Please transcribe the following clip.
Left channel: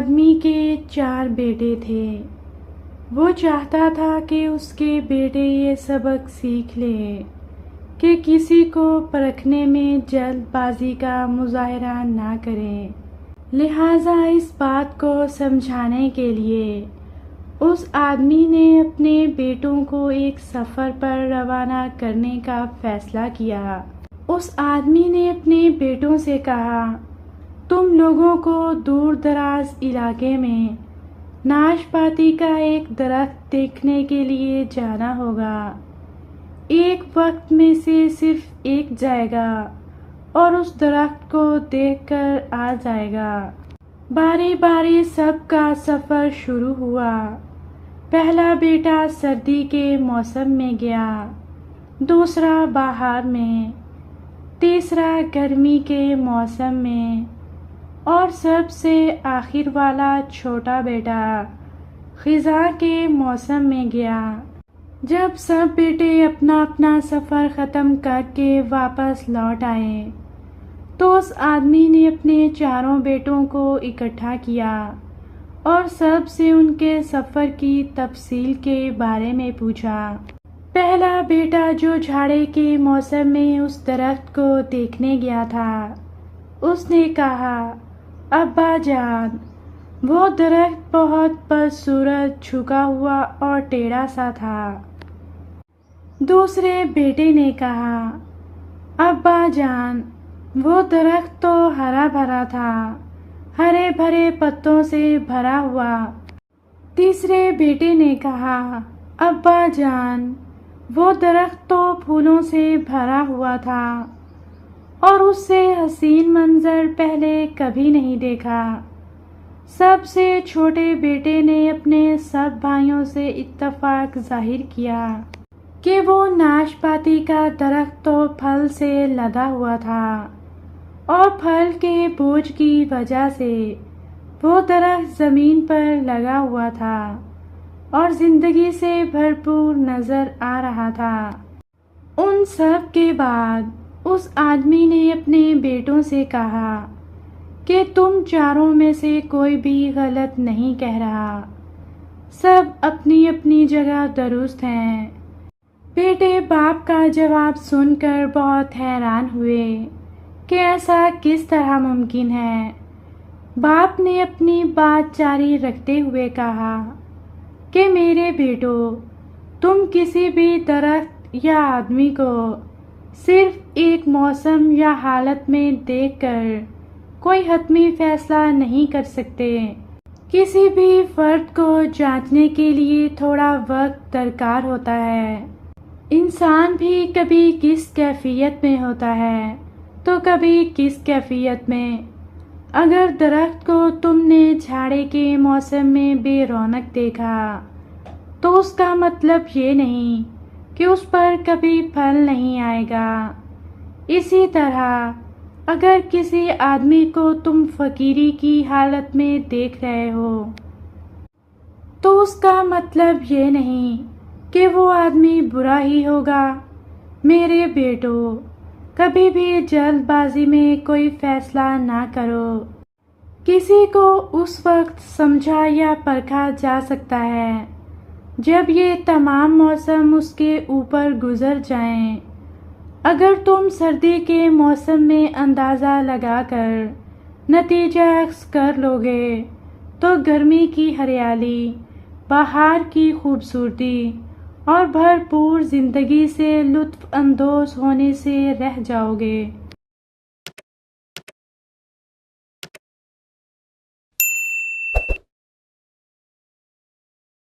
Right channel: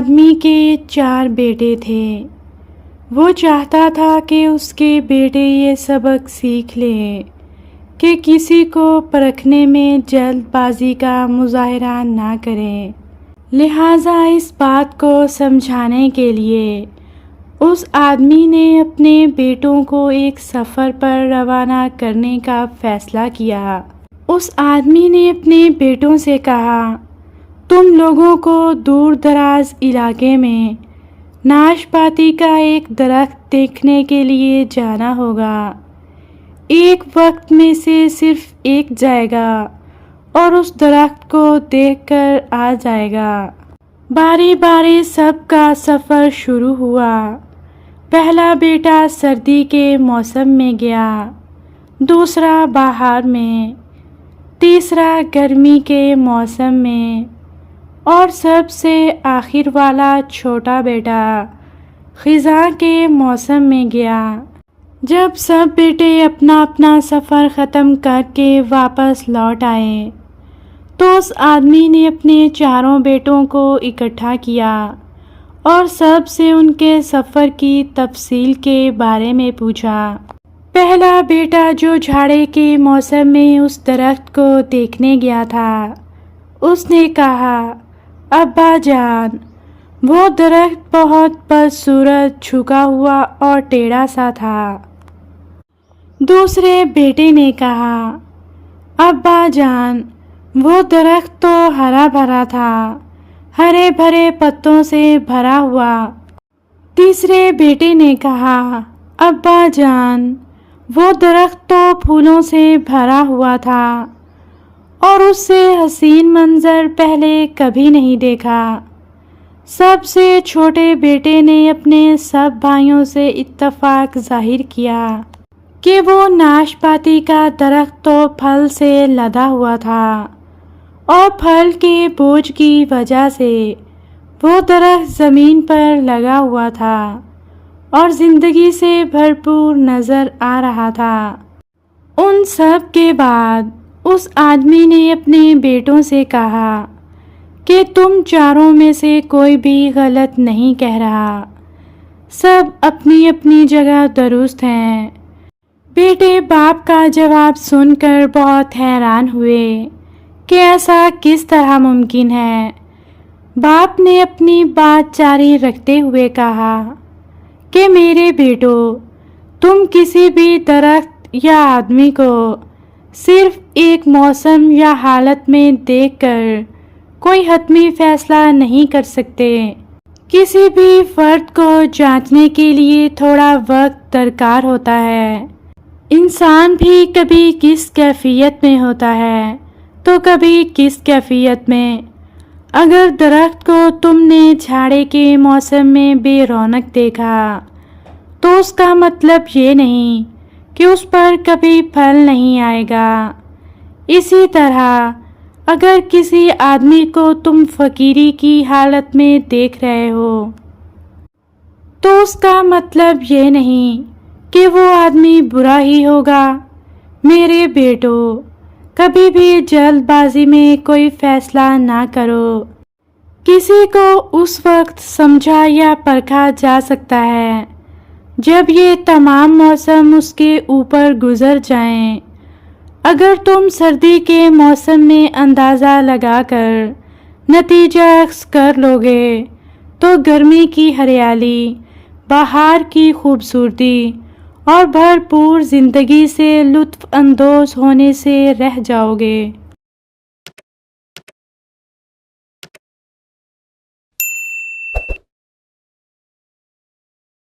آدمی کے 4 بیٹے تھے۔ وہ چاہتا تھا کہ اس کے بیٹے یہ سبق سیکھ لیں کہ کسی کو پرکھنے میں جلد بازی کا مظاہرہ نہ کریں۔ لہٰذا اس بات کو سمجھانے کے لیے اس آدمی نے اپنے بیٹوں کو ایک سفر پر روانہ کرنے کا فیصلہ کیا۔ اس آدمی نے اپنے بیٹوں سے کہا، تم لوگوں کو دور دراز علاقے میں ناشپاتی کا ایک درخت دیکھنے کے لیے جانا ہوگا۔ ایک وقت میں سے صرف ایک جائے گا اور اس درخت کو دیکھ کر آ جائے گا۔ باری باری سب کا سفر شروع ہوا۔ پہلا بیٹا سردی کے موسم میں گیا، دوسرا بہار میں، تیسرا گرمی کے موسم میں اور سب سے آخر والا چھوٹا بیٹا خزاں کے موسم میں گیا۔ جب سب بیٹے اپنا اپنا سفر ختم کر کے واپس لوٹ آئے تو اس آدمی نے اپنے 4 بیٹوں کو اکٹھا کیا اور سب سے ان کے سفر کی تفصیل کے بارے میں پوچھا۔ پہلا بیٹا جو جھاڑے کے موسم میں اس درخت کو دیکھنے گیا تھا، اس نے کہا، ابا جان، وہ درخت بہت بدصورت، جھکا ہوا اور ٹیڑھا سا تھا۔ دوسرے بیٹے نے کہا، ابا جان، وہ درخت تو ہرا بھرا تھا، ہرے بھرے پتوں سے بھرا ہوا۔ تیسرے بیٹے نے کہا، ابا جان، وہ درخت تو پھولوں سے بھرا ہوا تھا اور اس سے حسین منظر پہلے کبھی نہیں دیکھا۔ سب سے چھوٹے بیٹے نے اپنے سب بھائیوں سے اتفاق ظاہر کیا کہ وہ ناشپاتی کا درخت تو پھل سے لدا ہوا تھا اور پھل کے بوجھ کی وجہ سے وہ درخت زمین پر لگا ہوا تھا اور زندگی سے بھرپور نظر آ رہا تھا۔ ان سب کے بعد اس آدمی نے اپنے بیٹوں سے کہا کہ تم 4 میں سے کوئی بھی غلط نہیں کہہ رہا، سب اپنی اپنی جگہ درست ہیں۔ بیٹے باپ کا جواب سن کر بہت حیران ہوئے کہ ایسا کس طرح ممکن ہے۔ باپ نے اپنی بات جاری رکھتے ہوئے کہا کہ میرے بیٹو، تم کسی بھی درخت یا آدمی کو صرف ایک موسم یا حالت میں دیکھ کر کوئی حتمی فیصلہ نہیں کر سکتے۔ کسی بھی فرد کو جانچنے کے لیے تھوڑا وقت درکار ہوتا ہے۔ انسان بھی کبھی کس کیفیت میں ہوتا ہے تو کبھی کس کیفیت میں۔ اگر درخت کو تم نے جھاڑے کے موسم میں بے رونق دیکھا تو اس کا مطلب یہ نہیں کہ اس پر کبھی پھل نہیں آئے گا۔ اسی طرح اگر کسی آدمی کو تم فقیری کی حالت میں دیکھ رہے ہو تو اس کا مطلب یہ نہیں کہ وہ آدمی برا ہی ہوگا۔ میرے بیٹو، کبھی بھی جلد بازی میں کوئی فیصلہ نہ کرو۔ کسی کو اس وقت سمجھا یا پرکھا جا سکتا ہے جب یہ تمام موسم اس کے اوپر گزر جائیں۔ اگر تم سردی کے موسم میں اندازہ لگا کر نتیجہ اخذ کر لوگے تو گرمی کی ہریالی، بہار کی خوبصورتی اور بھرپور زندگی سے لطف اندوز ہونے سے رہ جاؤ گے۔